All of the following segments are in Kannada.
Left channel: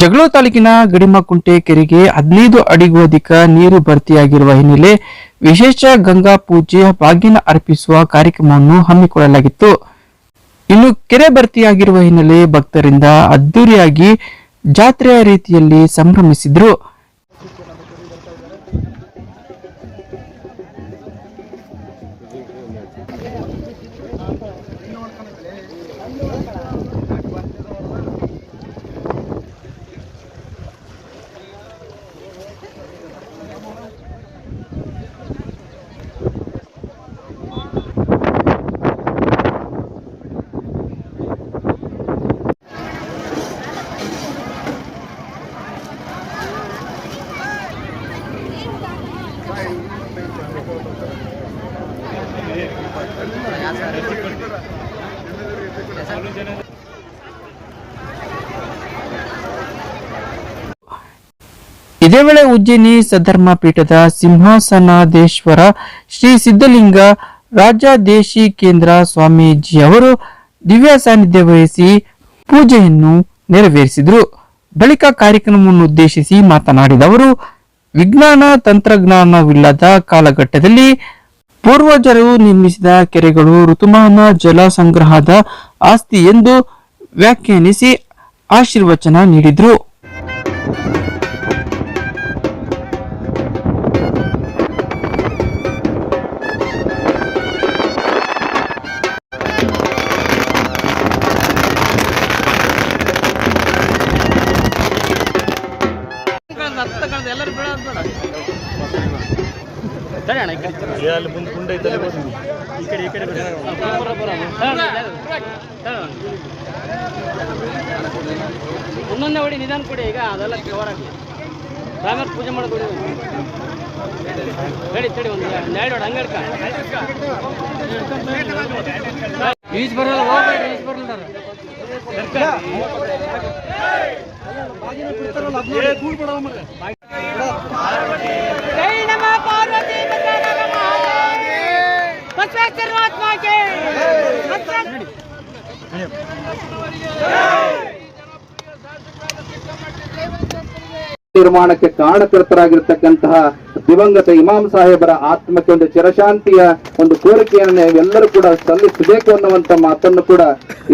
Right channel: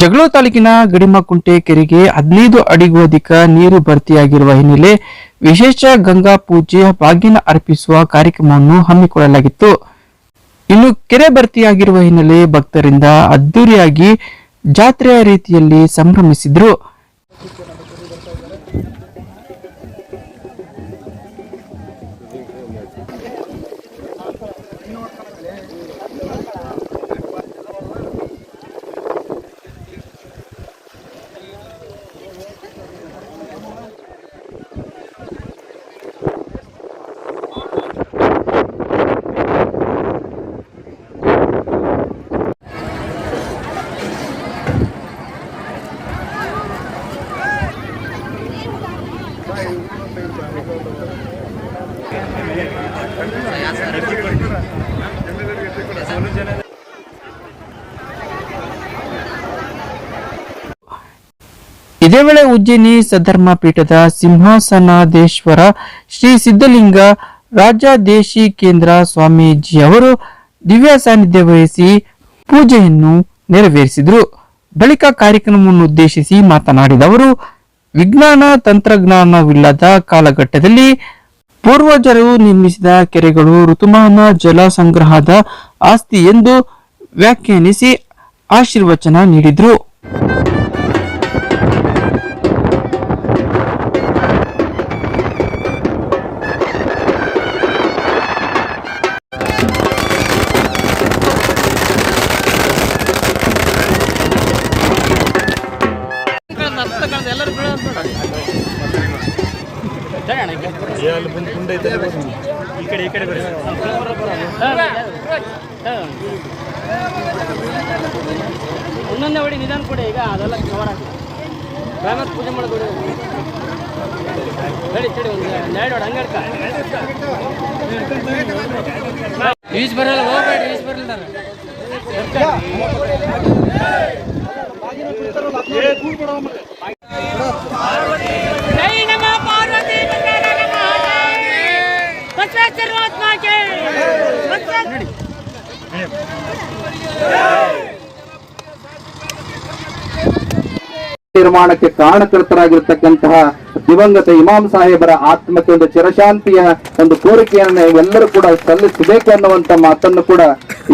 ಜಗಳೂರು ತಾಲೂಕಿನ ಗಡಿಮಕುಂಟೆ ಕೆರೆಗೆ ಹದಿನೈದು ಅಡಿಗೂ ಅಧಿಕ ನೀರು ಭರ್ತಿಯಾಗಿರುವ ಹಿನ್ನೆಲೆ ವಿಶೇಷ ಗಂಗಾ ಪೂಜೆ ಬಾಗಿನ ಅರ್ಪಿಸುವ ಕಾರ್ಯಕ್ರಮವನ್ನು ಹಮ್ಮಿಕೊಳ್ಳಲಾಗಿತ್ತು. ಇನ್ನು ಕೆರೆ ಭರ್ತಿಯಾಗಿರುವ ಹಿನ್ನೆಲೆ ಭಕ್ತರಿಂದ ಅದ್ದೂರಿಯಾಗಿ ಜಾತ್ರೆಯ ರೀತಿಯಲ್ಲಿ ಸಂಭ್ರಮಿಸಿದ್ರು. ಇದೇ ವೇಳೆ ಉಜ್ಜಯಿನಿ ಪೀಠದ ಸಿಂಹಾಸನಾದೇಶ್ವರ ಶ್ರೀ ಸಿದ್ಧಲಿಂಗ ರಾಜಾದೇಶಿ ಕೇಂದ್ರ ಸ್ವಾಮೀಜಿ ಅವರು ದಿವ್ಯ ಸಾನ್ನಿಧ್ಯ ವಹಿಸಿ ಪೂಜೆಯನ್ನು ನೆರವೇರಿಸಿದರು. ಬಳಿಕ ಕಾರ್ಯಕ್ರಮವನ್ನು ಉದ್ದೇಶಿಸಿ ಮಾತನಾಡಿದ ಅವರು, ವಿಜ್ಞಾನ ತಂತ್ರಜ್ಞಾನವಿಲ್ಲದ ಕಾಲಘಟ್ಟದಲ್ಲಿ ಪೂರ್ವಜರು ನಿರ್ಮಿಸಿದ ಕೆರೆಗಳು ಋತುಮಾನ ಜಲ ಸಂಗ್ರಹದ ಆಸ್ತಿ ಎಂದು ವ್ಯಾಖ್ಯಾನಿಸಿ ಆಶೀರ್ವಚನ ನೀಡಿದರು. ಈಜ್ ಬರಲ್ಲ ಹೋಗ್ಬೇಡಿ ಈಜ್ ಬರಲ್ಲ जय ನಿರ್ಮಾಣಕ್ಕೆ ಕಾರಣಕರ್ತರಾಗಿರ್ತಕ್ಕಂತಹ ದಿವಂಗತ ಇಮಾಮ್ ಸಾಹೇಬರ ಆತ್ಮಕ್ಕೆ ಒಂದು ಚಿರಶಾಂತಿಯ ಒಂದು ಕೋರಿಕೆಯನ್ನು ಎಲ್ಲರೂ ಕೂಡ ಸಲ್ಲಿಸಬೇಕು ಅನ್ನುವಂತ ಮಾತನ್ನು ಕೂಡ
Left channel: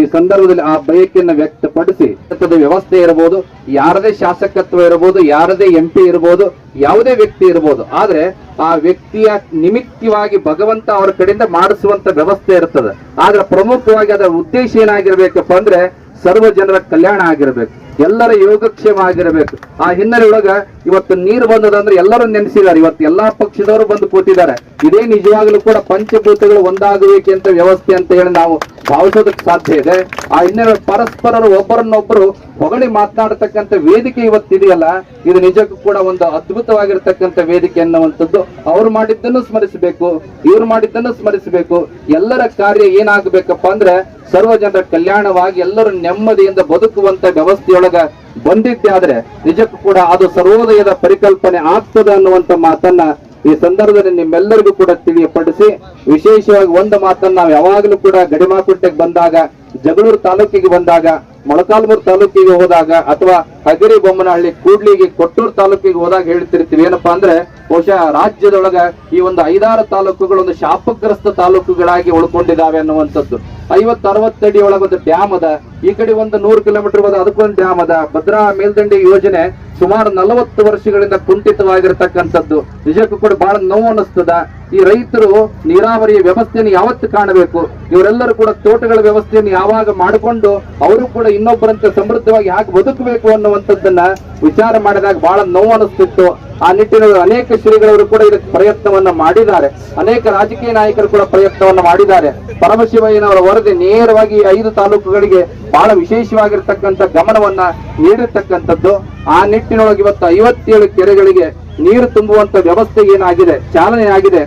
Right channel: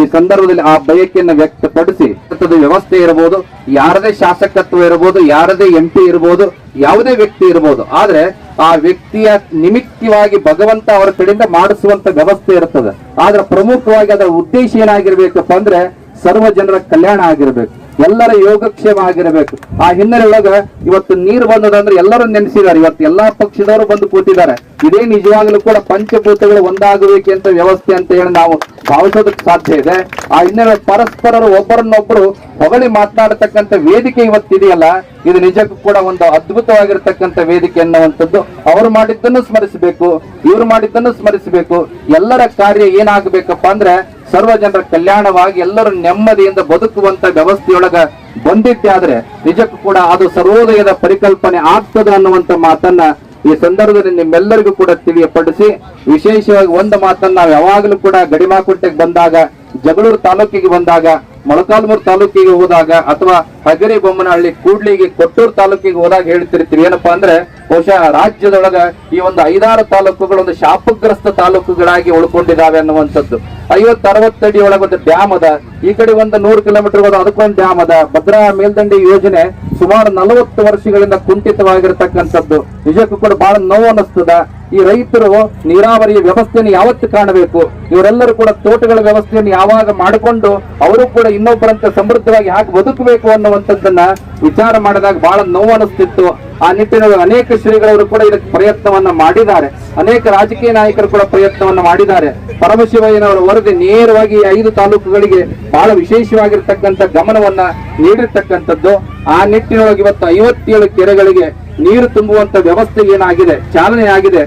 ಈ ಸಂದರ್ಭದಲ್ಲಿ ಆ ಬಯಕೆಯನ್ನು ವ್ಯಕ್ತಪಡಿಸಿ. ವ್ಯವಸ್ಥೆ ಇರಬಹುದು ಯಾರದೇ ಶಾಸಕತ್ವ ಇರಬಹುದು ಯಾರದೇ ಎಂ ಪಿ ಇರಬಹುದು ಯಾವುದೇ ವ್ಯಕ್ತಿ ಇರಬಹುದು ಆದ್ರೆ ಆ ವ್ಯಕ್ತಿಯ ನಿಮಿತ್ತವಾಗಿ ಭಗವಂತ ಅವರ ಕಡೆಯಿಂದ ಮಾಡಿಸುವಂತ ವ್ಯವಸ್ಥೆ ಇರ್ತದೆ. ಆದ್ರೆ ಪ್ರಮುಖವಾಗಿ ಅದರ ಉದ್ದೇಶ ಏನಾಗಿರ್ಬೇಕಪ್ಪ ಅಂದ್ರೆ ಸರ್ವ ಜನರ ಕಲ್ಯಾಣ ಆಗಿರ್ಬೇಕು. ಎಲ್ಲರ ಯೋಗಕ್ಷೇಮ ಆಗಿರಬೇಕು ಆ ಹಿನ್ನೆಲೆ ಒಳಗ ಇವತ್ತು ನೀರು ಬಂದದಂದ್ರೆ ಎಲ್ಲರೂ ನೆನೆಸಿದ್ದಾರೆ. ಇವತ್ತು ಎಲ್ಲಾ ಪಕ್ಷದವರು ಬಂದು ಕೂತಿದ್ದಾರೆ. ಇದೇ ನಿಜವಾಗ್ಲೂ ಕೂಡ ಪಂಚಭೂತಗಳು ಒಂದಾಗಬೇಕೆ ಅಂತ ವ್ಯವಸ್ಥೆ ಅಂತ ಹೇಳಿ ನಾವು ಭಾವಿಸೋದಕ್ಕೆ ಸಾಧ್ಯ ಇದೆ. ಆ ಹಿನ್ನೆಲೆ ಪರಸ್ಪರರು ಒಬ್ಬರನ್ನೊಬ್ಬರು ಹೊಗಳಿ ಮಾತನಾಡತಕ್ಕಂಥ ವೇದಿಕೆ ಇವತ್ತಿದೆಯಲ್ಲ ಇದು ನಿಜಕ್ಕೂ ಕೂಡ ಒಂದು ಅದ್ಭುತವಾಗಿರ್ತಕ್ಕಂಥ ವೇದಿಕೆ ಅನ್ನುವಂಥದ್ದು ಅವರು ಮಾಡಿದ್ದನ್ನು ಸ್ಮರಿಸಬೇಕು, ಇವ್ರು ಮಾಡಿದ್ದನ್ನು ಸ್ಮರಿಸಬೇಕು. ಎಲ್ಲರ ಕಾರ್ಯ ಏನಾಗಬೇಕಪ್ಪ ಅಂದ್ರೆ ಸರ್ವ ಜನರ ಕಲ್ಯಾಣವಾಗಿ ಎಲ್ಲರೂ ನೆಮ್ಮದಿಯಿಂದ ಬದುಕುವಂತ ವ್ಯವಸ್ಥೆಯೊಳಗ ಬಂದಿದ್ದೆ ಆದ್ರೆ ನಿಜಕ್ಕೂ ಕೂಡ ಅದು ಸರ್ವೋದಯದ ಪರಿಕಲ್ಪನೆ ಆಗ್ತದೆ ಅನ್ನುವಂತ ಮಾತನ್ನ ಈ ಸಂದರ್ಭದಲ್ಲಿ ನಿಮ್ಮೆಲ್ಲರಿಗೂ ಕೂಡ ತಿಳಿಯಪಡಿಸಿ ವಿಶೇಷವಾಗಿ ಒಂದು ಮಾತನ್ನ ನಾವು ಯಾವಾಗಲೂ ಕೂಡ ಗಡಿಮಾಕುಂಟೆಗೆ ಬಂದಾಗ ಜಗಳೂರು ತಾಲೂಕಿಗೆ ಬಂದಾಗ ಮೊಳಕಾಲ್ಮೂರು ತಾಲೂಕಿಗೆ ಹೋದಾಗ ಅಥವಾ ಹಗರಿ ಬೊಮ್ಮನಹಳ್ಳಿ ಕೂಡ್ಲಿಗೆ ಕೊಟ್ಟೂರು ತಾಲೂಕಿಗೆ ಹೋದಾಗ ಹೇಳ್ತಿರ್ತೀವಿ ಏನಪ್ಪಾ ಅಂದ್ರೆ ಬಹುಶಃ ರಾಜ್ಯದೊಳಗ ಈ ಒಂದು ಐದಾರು ತಾಲೂಕುಗಳು ಒಂದು ಶಾಪಗ್ರಸ್ತ ತಾಲೂಕುಗಳಾಗಿ ಉಳ್ಕೊಂಡಿದ್ದಾವೆ ಅನ್ನುವಂಥದ್ದು. ಐವತ್ ಅರವತ್ತಡಿ ಒಳಗೆ ಒಂದು ಡ್ಯಾಮ್ ಅದ. ಈ ಕಡೆ ಒಂದು ನೂರು ಕಿಲೋಮೀಟರ್ ಹೋದ ಅದಕ್ಕೊಂದು ಡ್ಯಾಮ್ ಅದ. ಭದ್ರಾ ಮೇಲ್ದಂಡೆ ಯೋಜನೆ ಸುಮಾರು ನಲವತ್ತು ವರ್ಷಗಳಿಂದ ಕುಂಠಿತವಾಗಿರ್ತಕ್ಕಂಥದ್ದು. ನಿಜಕ್ಕೂ ಕೂಡ ಬಹಳ ನೋವು ಅನಿಸ್ತದ ಈ ರೈತರು ನೀರಾವರಿಯ ವ್ಯವಸ್ಥೆಯನ್ನು ಯಾವತ್ತು ಕಾಣಬೇಕು? ಇವರೆಲ್ಲರೂ ಕೂಡ ತೋಟಗಳ ವ್ಯವಸ್ಥೆಯನ್ನು ಯಾವಾಗ ಮಾಡಿಕೊಂಡು ಅವರು ಕೂಡ ಇನ್ನೊಬ್ಬರಂತೆ ಸಮೃದ್ಧವಾಗಿ ಹಾಕಿ ಬದುಕಬೇಕು ಅನ್ನುವಂಥದ್ದನ್ನ ವಿಚಾರ ಮಾಡಿದಾಗ ಬಹಳ ನೋವು ಅನಿಸ್ತಿತ್ತು ಆ ನಿಟ್ಟಿನಲ್ಲಿ ಅನೇಕ ಶ್ರೀಗಳವರು ಕೂಡ ಇದಕ್ಕೆ ಪ್ರಯತ್ನವನ್ನ ಮಾಡಿದ್ದಾರೆ. ಅನೇಕ ರಾಜಕೀಯ ನಾಯಕರು ಕೂಡ ಪ್ರಯತ್ನವನ್ನ ಮಾಡಿದ್ದಾರೆ. ಪರಮಶಿವಯ್ಯನವರ ವರದಿ ನೇರವಾಗಿ ಐದು ತಾಲೂಕುಗಳಿಗೆ ಬಹಳ ವಿಶೇಷವಾಗಿರ್ತಕ್ಕಂಥ ಗಮನವನ್ನ ನೀಡಿರ್ತಕ್ಕಂಥದ್ದು. ಆ ನಿಟ್ಟಿನೊಳಗೆ ಇವತ್ತು ಐವತ್ತೇಳು ಕೆರೆಗಳಿಗೆ ನೀರು ತುಂಬುವಂತ ವ್ಯವಸ್ಥೆ ಏನಾಗಿದೆ, ಚಾಲನೆ ಆಗಿದೆ.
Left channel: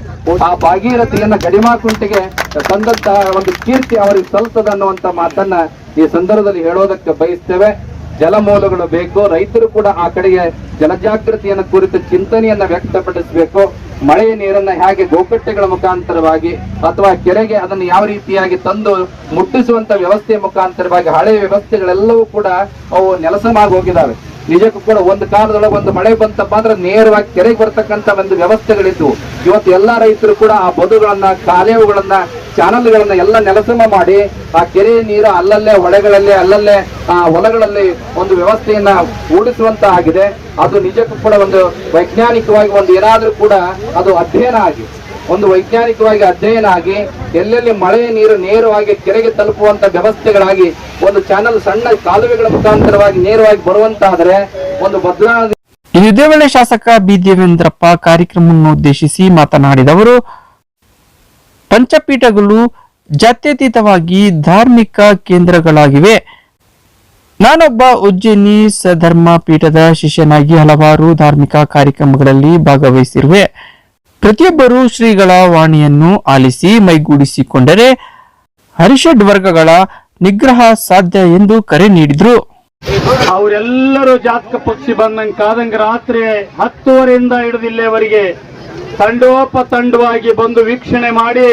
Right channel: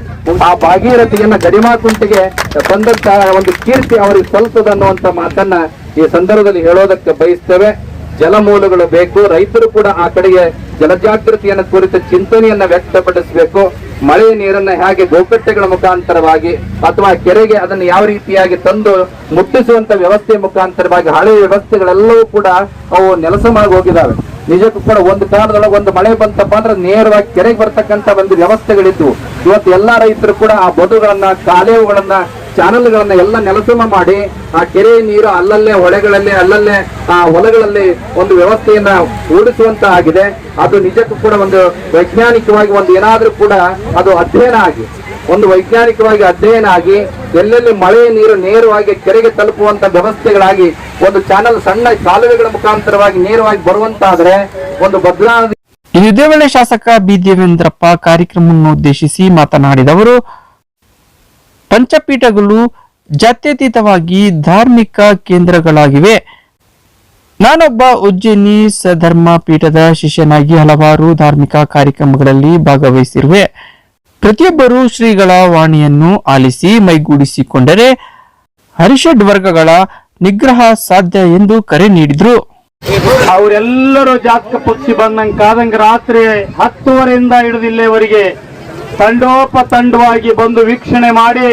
ಆ ಭಾಗೀರಥಿಯನ್ನ ಗಡಿಮಾಕುಂಟಿಗೆ ಬಂದಂತಹ ಒಂದು ಕೀರ್ತಿ ಅವರಿಗೆ ಸಲ್ತದ ಅನ್ನುವಂತ ಮಾತನ್ನ ಈ ಸಂದರ್ಭದಲ್ಲಿ ಹೇಳೋದಕ್ಕೆ ಬಯಸ್ತೇವೆ, ಜಲಮೂಲಗಳು ಬೇಕು, ರೈತರು ಕೂಡ ಆ ಕಡೆಗೆ ಜಲಜಾಗೃತಿಯನ್ನ ಕುರಿತ ಚಿಂತನೆಯನ್ನ ವ್ಯಕ್ತಪಡಿಸಬೇಕು ಮಳೆಯ ನೀರನ್ನ ಹೇಗೆ ಗೋಕಟ್ಟೆಗಳ ಮುಖಾಂತರವಾಗಿ ಅಥವಾ ಕೆರೆಗೆ ಅದನ್ನು ಯಾವ ರೀತಿಯಾಗಿ ತಂದು ಮುಟ್ಟಿಸುವಂತ ವ್ಯವಸ್ಥೆ ಮುಖಾಂತರವಾಗಿ ಹಳೆಯ ವ್ಯವಸ್ಥೆಗಳೆಲ್ಲವೂ ಕೂಡ ಅವು ನೆಲಸಮಾಗಿ ಹೋಗಿದ್ದಾವೆ ನಿಜಕ್ಕೂ ಕೂಡ ಒಂದು ಕಾಲದೊಳಗೆ ಒಂದು ಮಳೆ ಬಂತಪ್ಪ ಅಂದ್ರೆ ನೇರವಾಗಿ ಕೆರೆಗೆ ಬರ್ತಕ್ಕಂತ ಒಂದು ವ್ಯವಸ್ಥೆಗಳಿತ್ತು ಇವತ್ತು ಎಲ್ಲಾ ರೈತರು ಕೂಡ ಆ ಬದುಗಳನ್ನ, ಕಾಲೇವುಗಳನ್ನ ಚಾನಲ್ಗಳನ್ನ ಎಲ್ಲ ನೆಲಸಮ ಮಾಡಿ, ಆ ಕೆರೆ ನೀರು ಅಲ್ಲಲ್ಲೇ, ಹೊಳೆಗಳಲ್ಲಿ, ಅಲ್ಲಲ್ಲೇ, ಆ ಹೊಲಗಳಲ್ಲಿ ಒಂದು ವ್ಯವಸ್ಥೆಯನ್ನ ಓಡಿಸುವಂತ ಆಗಿದೆ. ಅದು ನಿಜಕ್ಕೂ ಕೂಡ ಒಂದು ವೈಜ್ಞಾನಿಕವಾಗಿ ಒಂದು ಏನಾದ್ರೂ ಕೂಡ ಅದು ಅಧ್ಯಯನ ಆಗಿ, ಒಂದು ವೈಜ್ಞಾನಿಕವಾಗಿ ಅಧ್ಯಯನ ಆಗಿ, ಎಲ್ಲೆಲ್ಲಿ ಮಳೆ ನೀರು ನೇರವಾಗಿ ಕೆರೆಗೆ ತಲುಪುವಂತ ವ್ಯವಸ್ಥೆಗಳಾಗಿ, ಒಂದು ಚಾನಲ್ ಸಣ್ಣ ಕಾಲುವೆಗಳ ಮುಖಾಂತರವಾಗಿ ನೇರವಾಗಿ ಬರುವಂತಾದ್ರೆ ಒಂದು ಬದಲಾವಣೆ ಇದೇ ವೇಳೆ ಶಾಸಕ ಬಿ ದೇವೇಂದ್ರಪ್ಪ ಕಾರ್ಯಕ್ರಮವನ್ನು ಉದ್ದೇಶಿಸಿ ಮಾತನಾಡಿದವರು ಪಂಚಪೀಠಗಳು ಜಾತ್ಯತೀತವಾಗಿ ಧಾರ್ಮಿಕ ಕೇಂದ್ರಗಳಾಗಿವೆ. ನಾನೊಬ್ಬ ಉಜ್ಜಯಿನಿ ಸಧರ್ಮ ಪೀಠದ ಶಿಷ್ಯನಾಗಿ ಹಲವಾರು ಧಾರ್ಮಿಕ ಕಾರ್ಯಕ್ರಮಗಳಲ್ಲಿ ಭಾಗವಹಿಸಿರುವೆ. ಪ್ರತಿಯೊಬ್ಬರು ಶ್ರೀಗಳ ವಾಣಿಯನ್ನು ಆಲಿಸಿ ಮೈಗೂಡಿಸಿಕೊಂಡರೆ ಹರಿಷಡ್ ವರ್ಗಗಳ ನಿಗ್ರಹ ಸಾಧ್ಯ ಎಂದು ಕರೆ ನೀಡಿದ್ರು. ಅವರೆಲ್ಲರೂ ಜಾತಕ ಪಕ್ಷಿ ಬಂದಂಗೆ ಕಾದಂಗ ರಾತ್ರಿ ಹತ್ತುವರೆಯಿಂದ ಹಿಡಿದು ಇಲ್ಲಿಯವರೆಗೆ ತಂಡೋಪತಂಡವಾಗಿ ಬಂದು ವೀಕ್ಷಣೆ ಮಾಡಿ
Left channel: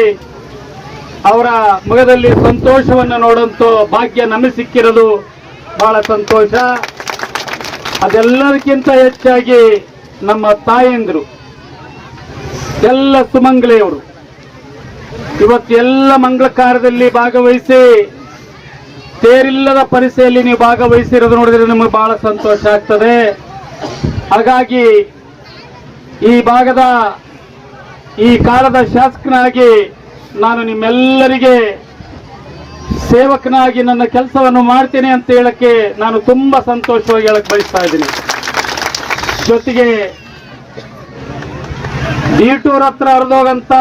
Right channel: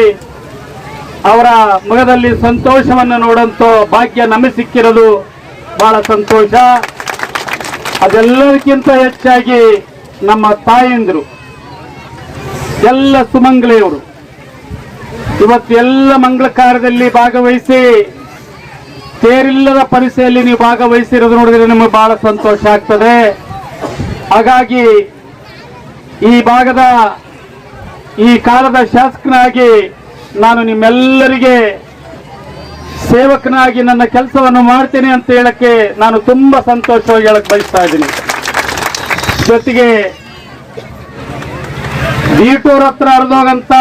ಅವರ ಮುಖದಲ್ಲಿ ಸಂತೋಷವನ್ನು ನೋಡಂತ ಭಾಗ್ಯ ನಮಗೆ ಸಿಕ್ಕಿರೋದು ಬಹಳ ಸಂತೋಷ. ಅದೆಲ್ಲದಕ್ಕಿಂತ ಹೆಚ್ಚಾಗಿ ನಮ್ಮ ತಾಯಂದಿರು, ಎಲ್ಲ ಸುಮಂಗಲೆಯವರು, ಇವತ್ತು ಎಲ್ಲ ಮಂಗಳ ಕಾರ್ಯದಲ್ಲಿ ಭಾಗವಹಿಸಿ ತೇರಿಲ್ಲದ ಪರಿಸೆಯಲ್ಲಿ ನೀವು ಭಾಗವಹಿಸಿರೋದು ನೋಡಿದ್ರೆ ನಿಮಗೆ ಬಹಳ ಸಂತೋಷ ಆಗ್ತದೆ. ಹಾಗಾಗಿ ಈ ಭಾಗದ ಈ ಕಾಲದ ಶಾಸಕನಾಗಿ ನಾನು ನಿಮ್ಮೆಲ್ಲರಿಗೆ ಸೇವಕನಾಗಿ ನನ್ನ ಕೆಲಸವನ್ನು ಮಾಡ್ತೇನೆ ಅಂತ ಹೇಳಕ್ಕೆ ನಾನು ತುಂಬಾ ಸಂತೋಷವಾಗಿ ಹೇಳಕ್ ಬಯಸ್ತಾ ಇದ್ದೀನಿ. ಜೊತೆಗೆ ಬೀಟೂರ್ ಹತ್ರ ಹರಿದೋಗಂತ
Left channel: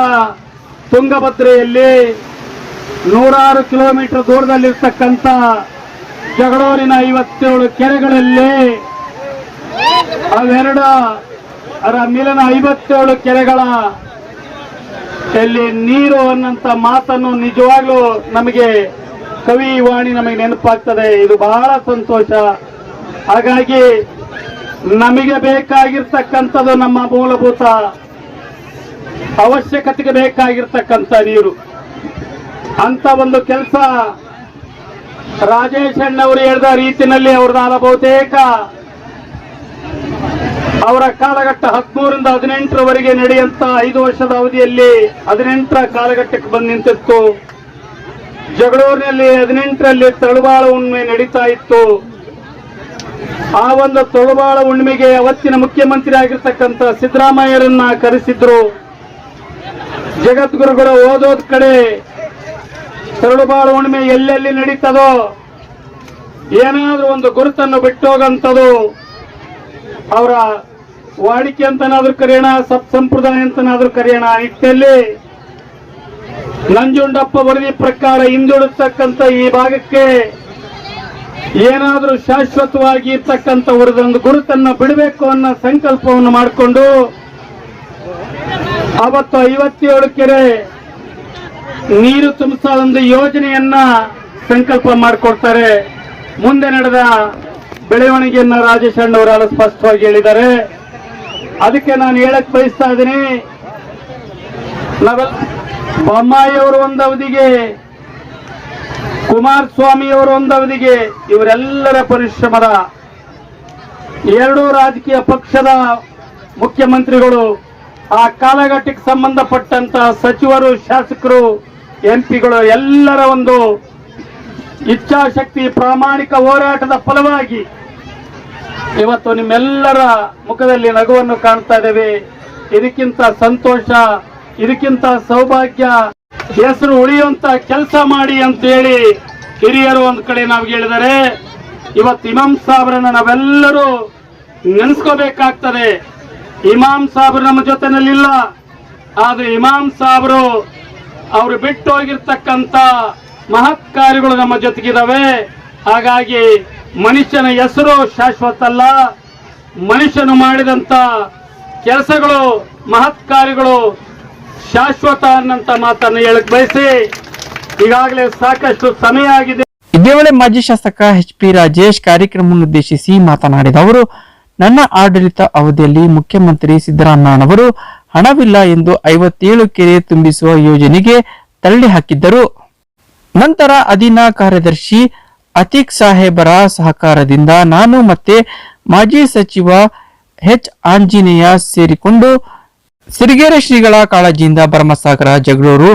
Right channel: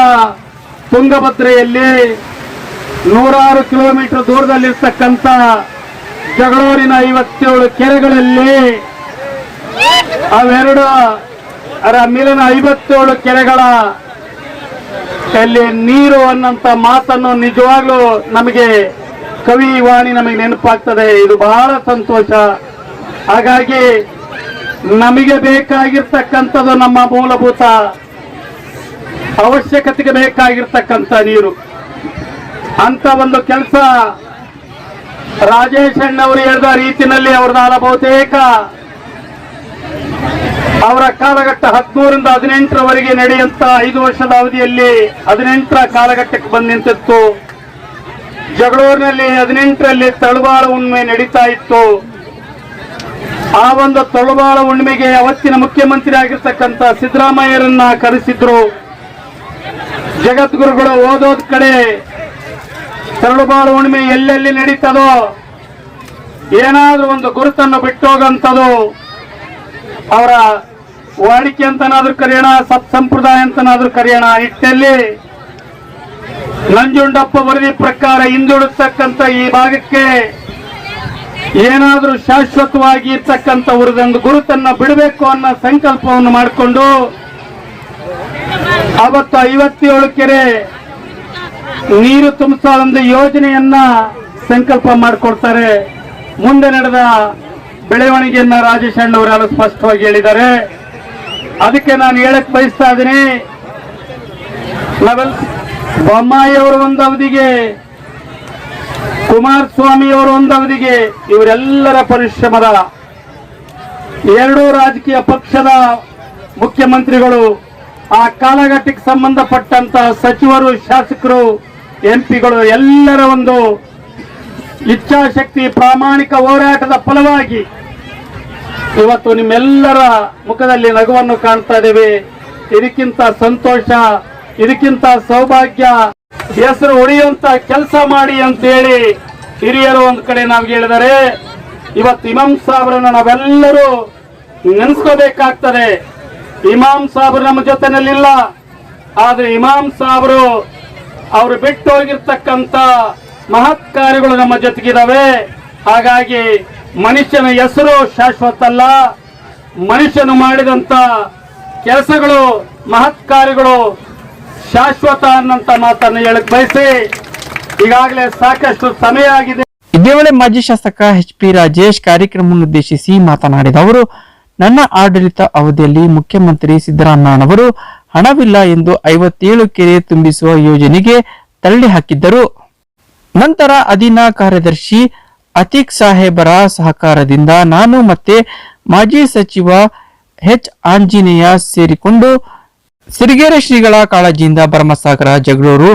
ತುಂಗಭದ್ರೆಯಲ್ಲಿ ನೂರಾರು ಕಿಲೋಮೀಟರ್ ದೂರದಲ್ಲಿರ್ತಕ್ಕಂಥ ಜಗಳೂರಿನ ಐವತ್ತೇಳು ಕೆರೆಗಳಲ್ಲಿ ಅವೆರಡು ಅರ, ಮೇಲಿನ ಐವತ್ತೇಳು ಕೆರೆಗಳ ಅಲ್ಲಿ ನೀರು ಅನ್ನಂತ ಮಾತನ್ನು ನಿಜವಾಗ್ಲೂ ನಮಗೆ ಕವಿ ವಾಣಿ ನಮಗೆ ನೆನಪಾಗ್ತದೆ. ಇದು ಬಹಳ ಸಂತೋಷ. ಹಾಗಾಗಿ ನಮಗೆ ಬೇಕಾಗಿರ್ತಕ್ಕಂಥದ್ದು ನಮ್ಮ ಮೂಲಭೂತ ಅವಶ್ಯಕತೆಗೆ ಬೇಕಾಗಿರ್ತಕ್ಕಂಥ ನೀರು. ಅಂತ ಒಂದು ಕೆಲಸ ರಾಜೇಶ್ ಅಣ್ಣವರು ಹೇಳಿದ ರೀತಿಯಲ್ಲಿ ಅವ್ರದ್ದಾದ ಬಹುತೇಕ ಅವರ ಕಾಲಘಟ್ಟ ಹದಿಮೂರಿಂದ ಹದಿನೆಂಟರವರೆಗೆ ನಡೆಯುವಂತ ಐದು ವರ್ಷದ ಅವಧಿಯಲ್ಲಿ ಹದಿನೆಂಟರ ಕಾಲಘಟ್ಟಕ್ಕೆ ಬಂದು ನಿಂತಿತ್ತು. ಜಗಳೂರಿನಲ್ಲಿ ಹದಿನೆಂಟರಲ್ಲಿ ತಳುವಾಳ ಹುಣ್ಣಿಮೆ ನಡೀತಾ ಇತ್ತು. ಆ ಒಂದು ತಳುವಾಳ ಹುಣ್ಣಿಮೆಗೆ ಅವತ್ತಿನ ಮುಖ್ಯಮಂತ್ರಿ ಆಗಿರ್ತಕ್ಕಂಥ ಸಿದ್ದರಾಮಯ್ಯರನ್ನ ಕರೆಸಿದ್ರು. ಜಗದ್ಗುರುಗಳು ಓದೋದ್ ಕಡೆ ತರಳುಬಾಳು ಹುಣ್ಣಿಮೆ ಎಲ್ಲೆಲ್ಲಿ ನಡೀತದೋ ಏನಾದ್ರೂ ಒಂದು ಗುರುತನ್ನು ಬಿಟ್ಟೋಗಂಥದ್ದು. ಅವರ ವಾಡಿಕೆ ಅಂತನಾದ್ರೂ ಕರೆಯೋಣ, ಸತ್ ಸಂಪ್ರದಾಯ ಅಂತನಾದ್ರೂ ಕರೆಯೋಣ. ನಿಟ್ಟಿನಲ್ಲಿ ನಂಜುಂಡಪ್ಪ ವರದಿ ಪ್ರಕಾರ ಹಿಂದುಳಿತಕ್ಕಂಥ ಈ ಭಾಗಕ್ಕೆ ಏನಾದರೂ ಶಾಶ್ವತವಾಗಿ ಇರ್ತಕ್ಕಂಥ ಗುರುತನ್ನು ಬಿಡಬೇಕು ಅನ್ನೋ ಸಂಕಲ್ಪವನ್ನು ಮಾಡಿಕೊಂಡು ಅವತ್ತು ಐವತ್ತೇಳು ಕೆರೆ ನೀರು ತುಂಬಿಸೋ ಒಂದು ಯೋಜನೆಯನ್ನ ಸಂಕಲ್ಪ ಮಾಡಿಕೊಡ್ತಾರೆ. ಮುಂದೆ ನಡೆದ ಬೆಳವಣಿಗೆಯನ್ನ ರಾಜೇಶ್ ಅಣ್ಣವರೆಲ್ಲ ಸ್ಪಷ್ಟವಾಗಿ ಹೇಳಿದ್ದಾರೆ. ಅದಕ್ಕೆ ನಾನು ಹೇಳಕ್ ಬಯಸ್ತಾ ಇದ್ದೀನಿ ನಾವೆಲ್ಲ ಬೊಮ್ಮಾಯಿ ಅವರು ಒಂದು ಅವಧಿಗೆ, ಕುಮಾರಸ್ವಾಮಿ ಅವರು ಒಂದು ಅವಧಿಗೆ ಇವರೆಲ್ಲರ ಪರಿಶ್ರಮದ ಎರಡೂ ರಾಜಕೀಯ ಪಕ್ಷದ ಮುಖ್ಯಮಂತ್ರಿಗಳು, ಆ ಕಾಲಘಟ್ಟಕ್ಕೆ ಸಂಬಂಧಪಟ್ಟಂತ ಸಚಿವರು, ಶಾಸಕರು, ಎಂಪಿಗಳು ಎಲ್ಲರ ಒಂದು ಇಚ್ಛಾಶಕ್ತಿ ಪ್ರಾಮಾಣಿಕ ಹೋರಾಟದ ಫಲವಾಗಿ ಇವತ್ತು ನಿಮ್ಮೆಲ್ಲರ ಮುಖದಲ್ಲಿ ನಗುವನ್ನು ಕಾಣ್ತಾ ಇದ್ದೇವೆ. ಇದಕ್ಕಿಂತ ಸಂತೋಷ, ಇದಕ್ಕಿಂತ ಸೌಭಾಗ್ಯ, ಹೆಸರು ಉಳಿಯುವಂತ ಕೆಲಸ ಮಾಡಿ ಅಂತೇಳಿ ಹಿರಿಯರು ಒಂದು ಕಡೆ ನಾವು ಹೇಳಿದರೆ, ಇವತ್ತು ಇಮಾಮ್ ಸಾಬ್ರನ್ನ ನಾವೆಲ್ಲರೂ ನೆನೆಸ್ಕೋಬೇಕಾಗ್ತದೆ. ಇಮಾಮ್ ಸಾಬ್ರು ನಮ್ಮ ಜೊತೆನಲ್ಲಿಲ್ಲ. ಆದ್ರೆ ಇಮಾಮ್ ಸಾಬ್ರು ಅವರು ಬಿಟ್ಟು ಹೋಗಿರ್ತಕ್ಕಂತ ಮಹತ್ ಕಾರ್ಯಗಳು ನಮ್ಮ ಜೊತೆಗಿದಾವೆ. ಹಾಗಾಗಿ ಮನುಷ್ಯನ ಹೆಸರು ಶಾಶ್ವತ ಅಲ್ಲ ಮನುಷ್ಯನು ಮಾಡಿದಂತ ಕೆಲಸಗಳು, ಮಹತ್ ಕಾರ್ಯಗಳು ಶಾಶ್ವತ ಅನ್ನಂತ ಮಾತನ್ನು ಹೇಳಕ್ ಬಯಸಿ, ಈಗಾಗಲೇ ಸಾಕಷ್ಟು ಸಮಯ ಆಗಿದೆ. ಇದೇ ವೇಳೆ ಮಾಜಿ ಶಾಸಕ ಎಚ್ ಪಿ ರಾಜೇಶ್ ಕಾರ್ಯಕ್ರಮವನ್ನು ಉದ್ದೇಶಿಸಿ ಮಾತನಾಡಿದ ಅವರು, ನನ್ನ ಆಡಳಿತ ಅವಧಿಯಲ್ಲಿ ಮುಖ್ಯಮಂತ್ರಿ ಸಿದ್ದರಾಮಯ್ಯನವರು ಹಣವಿಲ್ಲ ಎಂದು ಐವತ್ತೇಳು ಕೆರೆ ತುಂಬಿಸುವ ಯೋಜನೆಗೆ ತಳ್ಳಿ ಹಾಕಿದ್ದರು. ನಂತರ ಅಧೀನ ಕಾರ್ಯದರ್ಶಿ ಅತೀಕ್ ಸಾಹೇಬರ ಸಹಕಾರದಿಂದ ನಾನು ಮತ್ತೆ ಮಾಜಿ ಸಚಿವ ಎಚ್. ಆಂಜನೇಯ ಸೇರಿಕೊಂಡು ಸಿರಿಗೆರೆ ಶ್ರೀಗಳ ಕಾಳಜಿಯಿಂದ ಭರಮಸಾಗರ ಜಗಳೂರು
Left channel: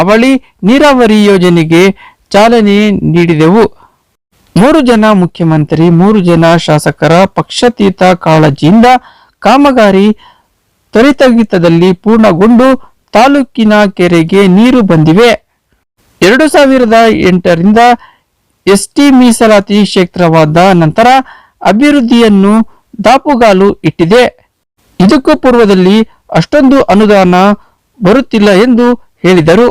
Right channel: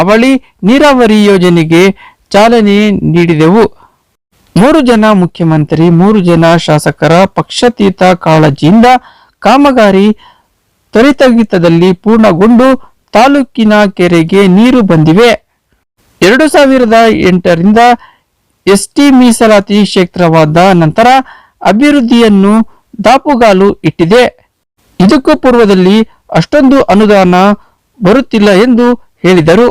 ಅವಳಿ ನೀರಾವರಿ ಯೋಜನೆಗೆ ಚಾಲನೆ ನೀಡಿದೆವು. ಮೂರು ಜನ ಮುಖ್ಯಮಂತ್ರಿ, ಮೂರು ಜನ ಶಾಸಕರ ಪಕ್ಷತೀತ ಕಾಳಜಿಯಿಂದ ಕಾಮಗಾರಿ ತ್ವರಿತಗಿತದಲ್ಲಿ ಪೂರ್ಣಗೊಂಡು ತಾಲೂಕಿನ ಕೆರೆಗೆ ನೀರು ಬಂದಿವೆ. ಎರಡು ಸಾವಿರದ ಎಂಟರಿಂದ ಎಸ್ಟಿ ಮೀಸಲಾತಿ ಕ್ಷೇತ್ರವಾದ ನಂತರ ಅಭಿವೃದ್ಧಿಯನ್ನು ದಾಪುಗಾಲು ಇಟ್ಟಿದೆ. ಇದಕ್ಕೂ ಪೂರ್ವದಲ್ಲಿ ಅಷ್ಟೊಂದು ಅನುದಾನ ಬರುತ್ತಿಲ್ಲ ಎಂದು ಹೇಳಿದರು.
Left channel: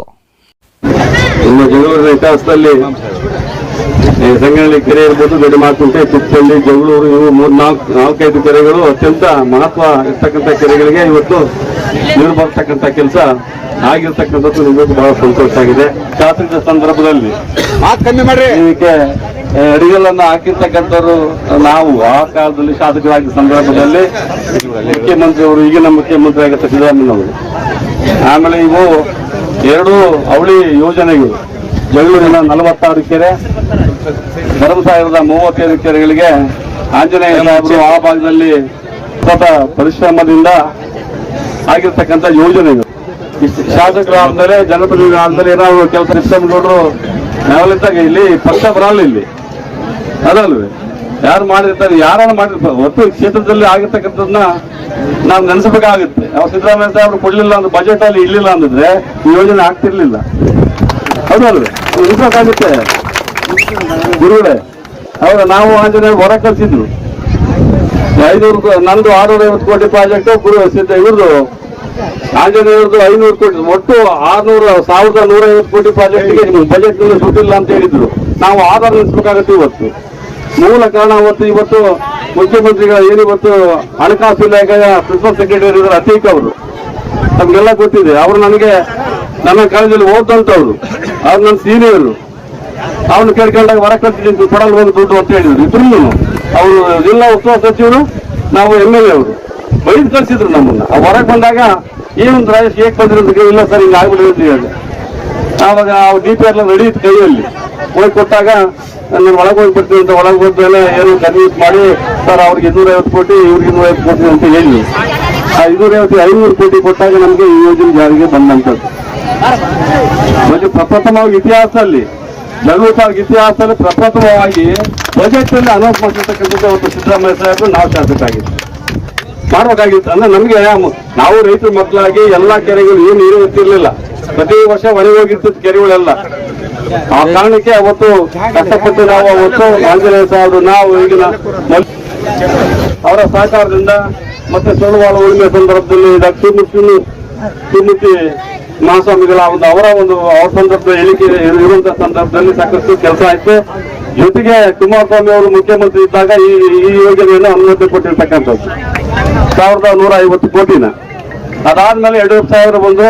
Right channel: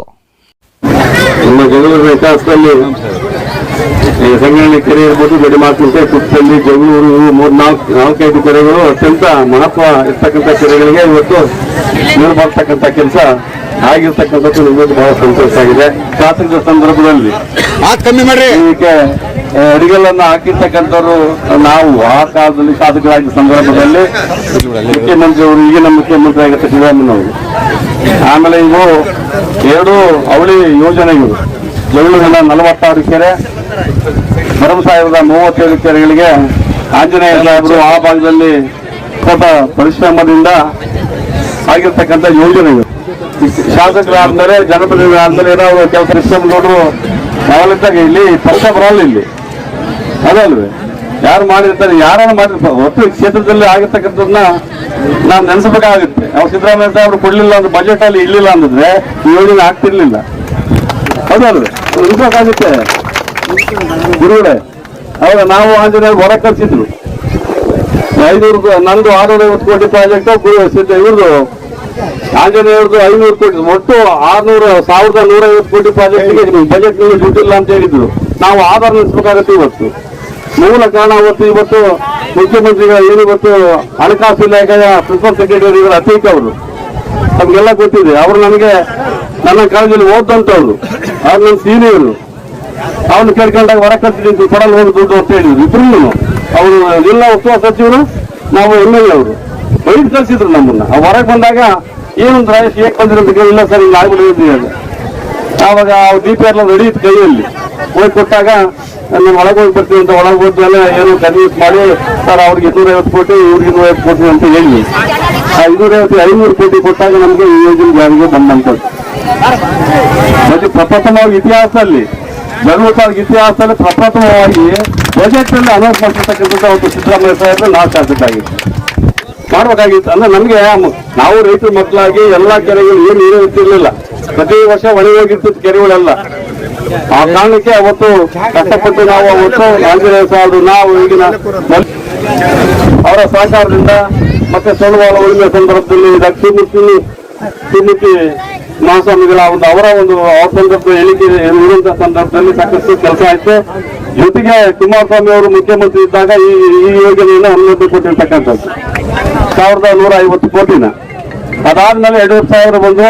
ಸಂಗನಹಳ್ಳಿ ಕೆರೆ ಇರ್ಬೋದು ಗಡಿಮಾಕುಂಟೆ ತುಪ್ಪಲ್ಲಿ, ಜಗಳೂರು ಮೂರ್ ನಾಲ್ಕು ನಾಲ್ಕೈದು ಕೆರೆಗಳು ಅತ್ಯಂತ ಮಹತ್ವ ಇರ್ತಕ್ಕಂಥ ಕೆರೆಗಳಿಗೆ ಇವತ್ತು ನೀರು ಬರ್ತಕ್ಕಂಥ ಕೆಲಸ ಆಗಿರ್ತಕ್ಕಂಥದ್ದು ನಿಮಗೂ ಬಹಳ ಸಂತೋಷ ಆಗಿದೆ. ಶಾಸಕರ ಸಂದರ್ಭದಲ್ಲಿ ಇದಕ್ಕೆ ಆ, ಅಡಿಗೆಗಳನ್ನ ಹಾಕಿರ್ತಕ್ಕಂಥವ್ರು ನಾವು ಆ ಕಾಲದಲ್ಲಿ ಶಾಸಕರಾಗಿದ್ದ ಸಂದರ್ಭದಲ್ಲಿ ಮುಖ್ಯಮಂತ್ರಿ ಅವರು ಈಗಿನ ಮುಖ್ಯಮಂತ್ರಿ ಆಗಿರ್ತ ಸಿದ್ದರಾಮಯ್ಯವರು ಆಮೇಲೆ ಇವು ಎರಡು ಅವಳಿ ಯೋಜನೆಗಳು. ಜಗಳೂರಿನ ನಲವತ್ತಾರು ಕೆರೆ ಭರಮ ಸಾಹೇಬರ ಮೂವತ್ತೈದು ಕೆರೆಗಳಿಗೆ ಆಂಜನೇಯ ಸಾಹೇಬರು ಆ ಭಾಗದಲ್ಲಿ ಸ್ವಲ್ಪ ಪರಿಶ್ರಮದಿಂದ ಆಗಿರ್ತಕ್ಕಂಥ ಯೋಜನೆಗಳು. ಶಾಸಕರಾದ್ಮೇಲೆ ಜನಪ್ರತಿನಿಧಿಗಳಾದ್ಮೇಲೆ ಏನಾದ್ರು ಕೆಲಸ ಸಿಸ್ಟಮ್ ನೋಡ್ರು ನಾವೆಲ್ಲಿದ್ದಾಗ ಇಲ್ಲಿ ಪಕ್ಷ ಬರಲ್ಲ ಇಲ್ಲಿ. ಅದಲ್ವೇ? ಯಾರು ಮಾಡಿರ್ತಾರೆ, ಯಾರನ್ನು ಮಾಡಿರ್ತಾರೆ, ಒಟ್ಟು ಕ್ಷೇತ್ರದಲ್ಲಿ ಆಗಿರ್ತಕ್ಕಂಥದ್ದನ್ನ ನಾವು ನೆನೆಸಬೇಕಾಗುತ್ತೆ. ನಾವು ಸಿದ್ದರಾಮಯ್ಯ ಸಾಹೇಬ್ರು ಕೊಡಲಿಲ್ಲ ಅಂದ್ರೆ ಬಜೆಟ್ ಅಲ್ಲಿ ಇರ್ಲಿಲ್ಲ ಅಂದಿದ್ರೆ ಈ ಯೋಜನೆ ಆಗ್ತಿರ್ಲಿಲ್ಲ. ಹೌದಲ್ವೇ ನೆನೆಸಬೇಕಾಗುತ್ತೆ ಗುರುಗಳೇ ಅವಾಗ ನಾವು ಆಂಜನೇಯ ಹೊರ ಕಳಿಸಿದ್ರು ಕೋ- ನಂದು ಆರ್ನೂರ ಐವತ್ತು ಕೋಟಿ ಪ್ರಾಜೆಕ್ಟ್ ಗುರು ಆಂಜನೇಯವ್ರದ್ದು ಐನೂರು ಕೋಟಿ, ಒಟ್ಟು ಆರ್ನೂರ, ಸಾವಿರದ ನೂರ ಐವತ್ತು ಕೋಟಿ ಪ್ರಾಜೆಕ್ಟ್ಗೆ ಬಜೆಟ್ನಲ್ಲಿ ದುಡ್ಡಿಲ್ಲ ಅಂತ ಹೇಳಿದ್ರು. ನಾವು ಆಧಾರ ನಡೆಸಬೇಕಾಗತ್ತೆ ಇವತ್ತು. ಮೂಲ ಕಾರಣ ಅವತ್ತು ಇವತ್ತು ಮುಖ್ಯಮಂತ್ರಿಗಳು ಏನು ಇವತ್ತು ಹಣಕಾಸು ಇಲಾಖೆಯ ಪ್ರಿನ್ಸಿಪಲ್ ಸೆಕ್ರೆಟರಿ ಅತೀಕ್ ಅವರು. ನಮ್ಗೆಲ್ಲ ಗೊತ್ತಿದೆ. ಅವರು ನನಗೆ ನನ್ನ ಕಾಲದಲ್ಲಿ ಓದಂತವ್ರು ಅವ್ರು. ನನ್ನ ಸೀನಿಯರ್ ಅವನು ಕೇಳ್ಕೊಂಡಾಗ ಹೊರ ಕಟ್ಟಿದ್ದು ಕೊಡಲು ಹೋಗಿ ದುಡ್ಡು ಅಂತ ಹೇಳಿದ್ರು. ಇಬ್ರು ಅವರು ಎಲ್ಲ ಉತ್ಸವ ಸಚಿವರು, ನಾವು ಎಂ ಎಲ್ ಎ ಅವರು. ಬೈದು ಕಳ್ಸಿದ್ರು ನಮ್ಮನ್ನ ಹೊರಗೆ ಬಂದಾಗ ಏನೊಂದು ರಾಜೇಶ್ ಏಕ್ ಬಂದ್ರೆ ಇಲ್ಲ ಸರ್, ಇಲ್ಲಿ ಆಗ್ಬಿಡಿ ಅಂತ ಆವಾಗ ದೀಪ ಎಲ್ಲ ನಡೀತು ಕೈಯಲ್ಲಿ. ಹೋಗಿ ಕೊಟ್ಟಾಗ ನೀವು ಒಳಗೆ ಹೋಗಿ ಬರ್ತೀವಿ ಅಂತ ಒಳಗೆ ಹೋದ್ಮೇಲೆ ಏನು ಕನ್ವಿನ್ಸ್ ಮಾಡಿ, ಸರ್, ಅವ್ರಿಗೆ ಇನ್ನೂರ ಐವತ್ತು ಕೋಟಿ, ಇವ್ರಿಗೆ ಇನ್ನೂರ ಐವತ್ತು ಕೋಟಿ ಅಂತ ಹೇಳಿ. ಆ ಇನ್ನೂರ ಐವತ್ತು ಐನೂರು ಕೋಟಿ ಕೊಟ್ಟಾಗ ನಮಗೆ ಈ ಯೋಜನೆ ಜಾರಿಗೆ ಬಂದಂಥದ್ದು. ಮತ್ತೆ ಪ್ರಪ್ರಥಮವಾಗಿ ಇತಿಹಾಸದಲ್ಲಿ ತಾಲೂಕು ಇತಿಹಾಸದಲ್ಲಿ ಪ್ರಪ್ರಥಮವಾಗಿ ಬಜೆಟ್ ಅನೌನ್ಸ್ ಮಾಡಿರ್ತಕ್ಕಂಥದ್ದು ಅವತ್ತು ಸಿದ್ದರಾಮಯ್ಯ ಸಾಹೇಬರು ನಾವು ಶಾಸಕಾಗಿತ್ತು ಮಾಡ್ಬೇಕಾಗಿತ್ತು. ಅಂದ್ರೆ ನಮ್ಗೆ ನಾವು ರೈತರ ಮಕ್ಕಳಾಗಿ ಎಲ್ಲಾ ಕೆರೆಗಳು ಏನು ನೀರು ಇರ್ತಿರ್ಲಿಲ್ಲ ಪ್ರತಿ ವರ್ಷ ಒಣಗಿ ಹೋಗಿರ್ತಿತ್ತು ಕೆರೆಗಳೆಲ್ಲ. ಆ ಕಾರಣಕ್ಕೆ ಅವತ್ತು ಕಷ್ಟಪಟ್ಟು ನಾವು ಅವತ್ತು ಆಂಜನೇಯ ಸಾಹೇಬರು ನಾವು ಈಗಿನ ಅವರ ಸಹಕಾರದಿಂದ ಮತ್ತೆ ಸೋಮವಾರ ಉಳಿಮೆ ಸಂದರ್ಭದಲ್ಲಿ ತಿನ್ನಿ ತಿನ್ನಿತಿ ಮಹಾಸ್ವಾಮಿಗಳ ಒಂದು ಅವರ ಒಂದು ಆ ಸಂದರ್ಭ ಹೇಳಿಕೆ ಇರುವಂತಹ ಸಂದರ್ಭದಲ್ಲಿ ಸಾಕಷ್ಟು ಕೆಲಸ ಆಯ್ತು. ಜೊತೆಗೆ ಕುಮಾರಸ್ವಾಮಿ ಅವರು ಮುಖ್ಯಮಂತ್ರಿ ಇದ್ದಾಗ ಈ ಈ ಯೋಜನೆಯನ್ನು ಅನುಮತಿ ಕೊಟ್ಟಿರ್ತಕ್ಕಂಥದ್ದು. ಸಾವಿರದ ನೂರ ಐವತ್ತು ಕೋಟಿನ ಅದಾದ್ಮೇಲೆ ಎರಡೂವರೆ ಸಾವಿರ ಬಂದು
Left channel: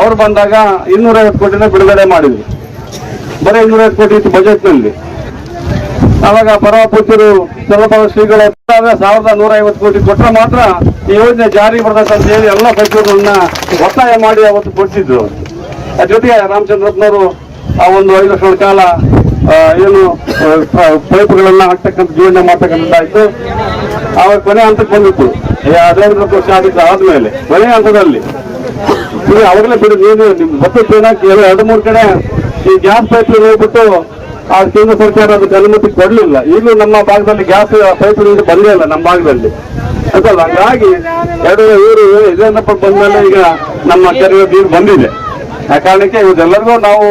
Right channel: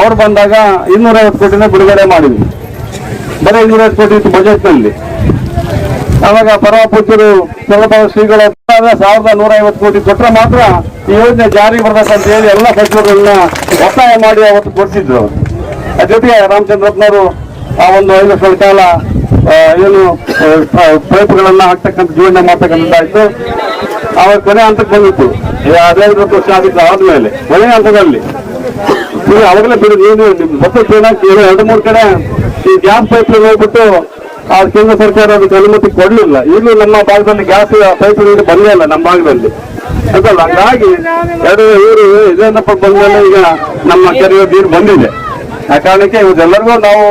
ಅವ್ರು ಬಂದಾಗ ಇನ್ನೂರ ಐವತ್ತು ಕೋಟಿನ ಬಿಡುಗಡೆ ಮಾಡಿದ್ರು. ಬರೀ ಇನ್ನೂರ ಐವತ್ತು ಕೋಟಿ ಇತ್ತು ಬಜೆಟ್ನಲ್ಲಿ ಅವಾಗ ಪರಮಪೂಜ್ಯರು ಸ್ವಲ್ಪ ಶ್ರೀಗಳ ಸಾವಿರದ ನೂರ ಐವತ್ತು ಕೋಟಿ ಕೊಟ್ಟರೆ ಮಾತ್ರ ಈ ಯೋಜನೆ ಜಾರಿ ಬರ್ತಕ್ಕಂತ ಹೇಳಿ ಎಲ್ಲ ಸಚಿವರನ್ನ ಒತ್ತಾಯ ಮಾಡಿ ಅವತ್ತು ಅದ್ರ ಜೊತೆಗೆ ರಾಮಚಂದ್ರಪ್ಪನವರು ಆ ಒಂದು ಐದು ವರ್ಷಗಳ ಕಾಲ ಏನು ಪೈಪ್ಗಳನ್ನು ಹಾಕ್ತಕ್ಕಂಥ ಜೀವನ ಮಾಡ್ತಕ್ಕಂಥದ್ದಾಯಿತು. ಆವಾಗ ಕೊನೆ ಹಂತಕ್ಕೆ ಬಂದಿತ್ತು. ಹದಿನೈದು ವರ್ಷ ಆಗಿತ್ತು ಆದ್ಮೇಲೆ, ಕೊನೆ ಹಂತದಲ್ಲಿ. ಅವಾಗಲೇ ಬಿಡಿ, ನೀವು ಮತ್ತೆ ಎರಡು ಮೂರು ಕಡೆ ಈ ಗ್ಯಾಸ್ ಪೈಪ್ ಹೋಗ್ಬಿಟ್ಟು ಆ ಕೇಂದ್ರ ಸರ್ಕಾರ ಅದಕ್ಕೆ ಅನುಮತಿ ಕೊಡ್ಲಿಲ್ಲ. ಈಗಲೂ ನಮ್ಮ ಭಾಗದಲ್ಲಿ ಗ್ಯಾಸ್ ಪೈಪ್ ಬಂದೇ ಇಲ್ಲ ನಮ್ಮ ಭಾಗದಲ್ಲಿ. ಅಂತಲ್ಲ ಹಾಗಾಗಿ ಎರಡು ಇವರು ಇದೇನಪ್ಪ ಬಂದ್ಮೇಲೆ ಈಗ ನಮ್ಮ ಕೆರೆಯ ನೀರು ಬಂದಿದೆ. ಆ ಕಾರಣಕ್ಕೆ ಇವರೆಲ್ಲರಿಗೂ ನಾವು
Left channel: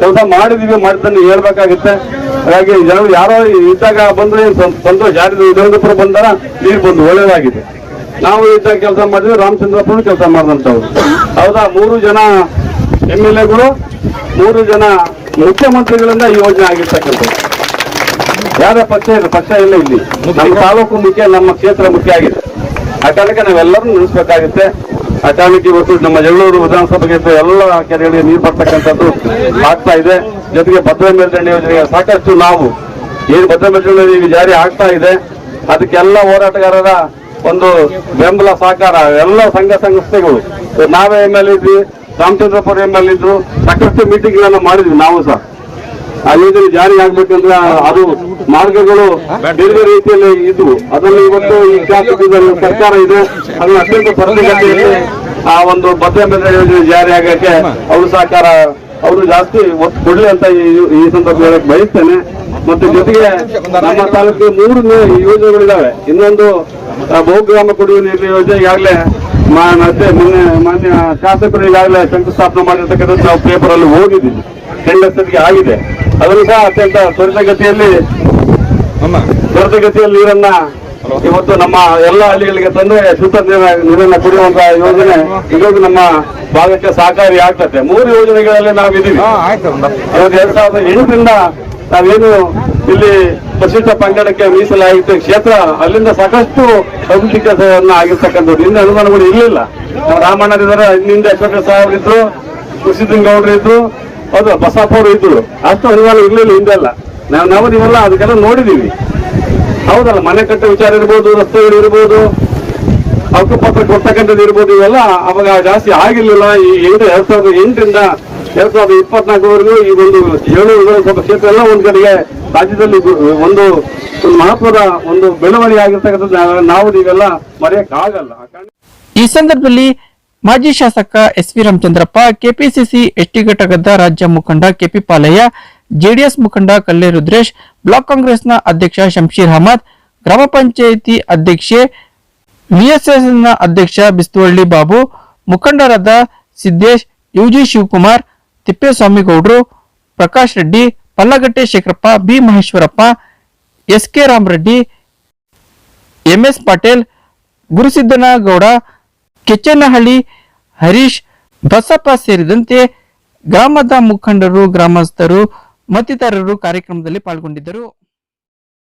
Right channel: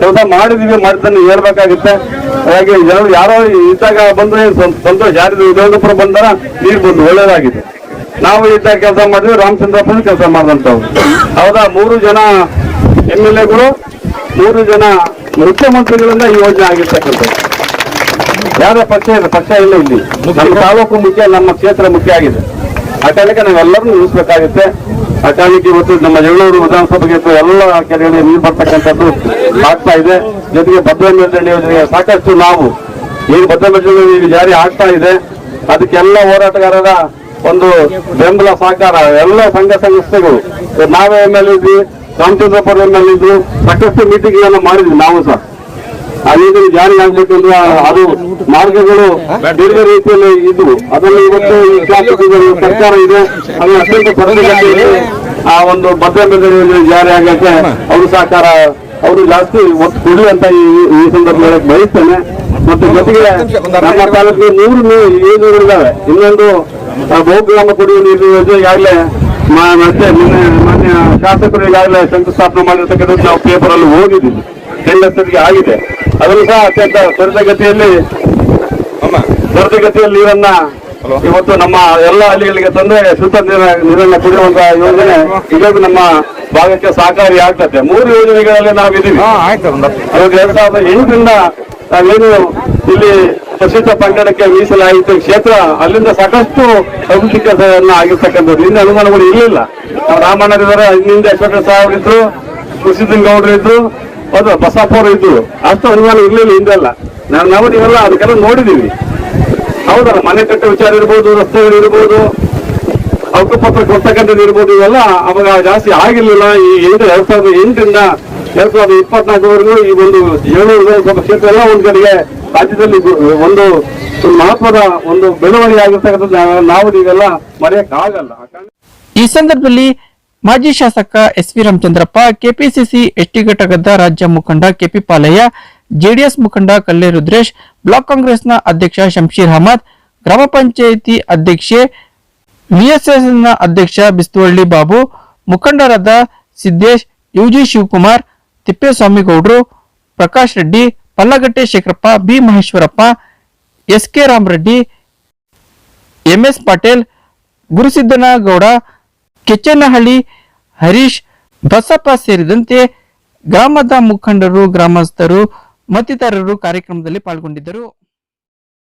ಕೆಲಸ ಮಾಡಿದೀವಿ, ಮಾಡ್ತಾನೆ, ಹೇಳ್ಬೇಕಾಗುತ್ತೆ. ಹಾಗಾಗಿ ಜನರು ಯಾರೋ ಇದ್ದಾಗ ಬಂದ್ರೆ ಸಂತೋಷ ಯಾರು ವಿಜಯಪುರ ಬಂದಾರ ನೀರು ಬಂದು ಒಳ್ಳೇದಾಗಿದೆ. ನಾವು ಇದ್ದಾಗ ಕೆಲಸ ಮಾಡಿದ್ವಿ ರಾಮಚಂದ್ರಪುರ ಕೆಲಸ ಮಾಡಿದಂತವ್ರು ಹೌದಾ? ಮೂರು ಜನ ಎಂ ಎಲ್ ಎಗಳು, ಮೂರು ಜನ ಮುಖ್ಯಮಂತ್ರಿಗಳಿಂದ ಈ ಯೋಜನೆ ಆಗಿರ್ತಕ್ಕಂಥದ್ದು. ಯಾರ ಪಕ್ಷ ಪಕ್ಷ ಇಲ್ಲ ಇಲ್ಲಿ. ನಮ್ಮ ತಾಲೂಕು ಮುಖ್ಯ, ನಮ್ಮ ಕ್ಷೇತ್ರ ಮುಖ್ಯ ಆಗಿದೆ. ಆ ಕಾರಣಕ್ಕೆ ನಾವೆಲ್ಲರೂ ನಿಲ್ಲಿಸಬೇಕಾಗುತ್ತೆ ಆ ಮತ್ತು ಇವತ್ತು ನಮ್ಮ ಜಗಳೂರು ವಿಧಾನಸಭೆಗೆ ಎಲ್ಲ ಕೆರೆಗಳಿಗೆ ನೀರು ಬರ್ತಕ್ಕಂಥದ್ದು ಆಗ್ತಾ ಇದೆ. ಜೊತೆಗೆ ಭದ್ರ ಸಾಕಷ್ಟು ನಾವು ಏನು ಭದ್ರ ಮೇಲ್ದಂಡೆ ಜಾರಿ ಆಗ್ತಾ ಇದೆ. ಅದಕ್ಕೆಲ್ಲ ಹೋರಾಟಗಾರರ ಒಂದು ಬೆಂಬಲ ಸಹಕಾರ, ಎಲ್ಲ ಸಂಘ ಸಂಸ್ಥೆಗಳು ನಾವೇ ಎಂ ಎಲ್ ಇದ್ವಿ ರಾಮಚಂದ್ರಪುರ ಎಂ ಎಲ್ ಇದ್ರು ಸಾಕಷ್ಟು ಮೀಟಿಂಗ್ ಗಳನ್ನ ಮಾಡಿದ್ವಿ ನಾವು ಸಹ. ರೀತಿಯಲ್ಲಿ ಜಾರಿ ಆಗ್ಬೇಕಂದ್ರೆ ಅದು ಮಾರ್ಗಗಳು ಬೇರೆ ರೀತಿಯಲ್ಲಿ ಇದ್ವು. ಅದನ್ನು ಇವತ್ತು ಈ ಶಾಸಕರು ಸರ್ಕಾರ ಇದೆ. ಅದು ಅತ್ಯಂತ ತ್ವರಿತಗತಿಯಲ್ಲಿ ಆ ಒಂದು ಬದ್ಧಗಳಲ್ಲಿ ಜಾರಿ ಆಗಕ್ಕೆ ಅವರು ಸಹಕಾರ ಅವರು ಜಾಸ್ತಿ ಒತ್ತು ಕೊಡಿ ಅಂತ ಈ- ಸಂದರ್ಭ ಸಂದರ್ಭದಲ್ಲಿ ಹೇಳಕ್ ಬಯಸ್ತೇನೆ. ಮತ್ತು ಜೊತೆಗೆ ನಮ್ಮ ನೂರು ಮೂರು ನೂರು ಯೋಜನೆಗಳಿದ್ದಾವೆ ಇನ್ನೊಂದು ಬಹುಗ್ರಾಮ ಕುಡಿಯುವ ನೀರು ಯೋಜನೆ ಈಗಾಗಲೇ ಮತ್ತೆ ಮೊನ್ನೆ ಮಾನ್ಯ ಶಾಸಕರು ಈಗಾಗಲೇ ಶಂಕುಸ್ಥಾಪನೆ ಮಾಡಿರ್ತಕ್ಕಂಥದ್ದು ನಾವು ಪೇಪರ್ ಅಲ್ಲಿ ಓದಿದ್ದೀವಿ. ಟೆಂಡರ್ಸ್ಗೆ ಆಗಿದೆ. ಅದನ್ನು ಸಹ ಅತ್ಯಂತ ತ್ವರಿತಗತಿಯಲ್ಲಿ ತ್ವರಿತಗತಿಯಲ್ಲಿ ನೀರನ್ನ ಇವತ್ತು ನಮ್ಮ ಎಲ್ಲ ಹಳ್ಳಿಗಳಿಗೆ ತಂದ್ರೆ ಶುದ್ಧ ನೀರ ನೀರನ್ನ ಕೊಡುವಂತಹ ಯೋಜನೆ ಇದೊಂದು ನಮ್ಮ ಭಾಗಕ್ಕೆ ಸಹಕಾರಿ ಆಗ್ತದೆ. ಮೂರು ಯೋಜನೆಗಳಲ್ಲಿ ನಾವಿದ್ದೀವಿ. ಇವತ್ತು ಎರಡ್ ಸಾವಿರದ ಎಂಟರಿಂದ ನಾವೇನು ಇಲ್ಲಿ ಪ್ರಸಿದ್ಧ ಪಂಗಡಕ್ಕೆ ಮೀಸಲಾಯಿತ ಕ್ಷೇತ್ರ ಅಲ್ಲಿಂದ ಸಾಕಷ್ಟು ಅಭಿವೃದ್ಧಿ ಕೆಲಸವನ್ನ ಆಗಿರ್ತಕ್ಕಂಥದ್ದು. ಹಿಂದೆ ಅನುಮಾನಗಳು ಇರಲಿಲ್ಲ. ನಾವು ರಾಮಣ್ಣರಿದ್ದಾರೆ ಹಿಂದೆ ಅಶೋಕ ಸಾವ್ರಿದ್ರು ಇದ್ರು ಗೌಡರು ಇದ್ರು. ಹೌದು ಬಸಪ್ಪವರು ಇದ್ದು ಅಷ್ಟು ಅನುಮಾನ ಇರ್ಲಿಲ್ಲ ಹಿಂದೆಲ್ಲ. ನಾವು ನಾವು ನೀವೆಲ್ಲ ಅದಕ್ಕೆಲ್ಲ ನೋಡಿದೀವಿ. ಹೌದಲ್ಲ, ಮನೆ ಕಟ್ಟ ವಿಚಾರ ಇರ್ಬೋದು ರಸ್ತೆಗಳು ಇರ್ಬೋದು ಹಕ್ಕುಪತ್ರ ಕೊಡ್ತಕ್ಕಂಥದ್ದು ಇರ್ಬೋದು, ಇವೆಲ್ಲ ಅವಾಗ ಜಾಸ್ತಿ ಆಗಿರ್ಲಿಲ್ಲ. ಈ ಎಂಟು ಎರಡ್ ಸಾವಿರದ ಎಂಟರಿಂದ ಎರಡ್ ಸಾವಿರದ ಇಪ್ಪತ್ನಾಲ್ಕವರೆಗೂ ಈ ಒಂದು ಏಳು ವಿಧಾನಸಭಾ ಕ್ಷೇತ್ರ ಎಲ್ಲ ಒಂದು ಕಡೆಗೆ ರಾಜ್ಯದಲ್ಲಿ ಒಂದು ಒಂದು ಮಹತ್ವದ ಒಂದು ಬೆಳವಣಿಗೆ ಆಗಿರ್ತಕ್ಕಂಥದ್ದು ನಾವು- ಇವೆಲ್ಲ ಮರೆಯಕ್ಕಾಗಲ್ಲ. ಈ ಸಂದರ್ಭದಲ್ಲಿ ಮಾಜಿ ಶಾಸಕ S V Ramachandrappa, KPCC ST ಘಟಕದ ರಾಜ್ಯ ಮುಖಂಡ ಕೆಪಿ ಪಾಲಯ್ಯ, ಜೆಡಿಎಸ್ ಮುಖಂಡ ಕಲ್ಲೆ ರುದ್ರೇಶ್, ಬ್ಲಾಕ್ ಕಾಂಗ್ರೆಸ್ನ ಅಧ್ಯಕ್ಷ ಶಂಶೀರ್ ಅಹಮದ್, ಗ್ರಾಮ ಪಂಚಾಯಿತಿ ಅಧ್ಯಕ್ಷೆ ವಿಎಸ್ಎಸ್ನ ಅಧ್ಯಕ್ಷ ಬಿಸ್ತುವಳ್ಳಿ ಬಾಬು, ಮುಖಂಡರಾದ Siddesh, UG Shivakumar, ತಿಪ್ಪೇಸ್ವಾಮಿಗೌಡರು, Prakash Reddy, Pallagatte Shekarappa, B Maheshwarappa, S K Ramareddy MS Patil, Gurusiddanagowda Kechchanahalli Harish Basappa ಸೇರಿದಂತೆ ಗ್ರಾಮದ ಮುಖಂಡರು ಗ್ರಾಮಸ್ಥರು ಮತ್ತಿತರರು ಕಾರ್ಯಕ್ರಮದಲ್ಲಿ ಪಾಲ್ಗೊಂಡಿದ್ದರು.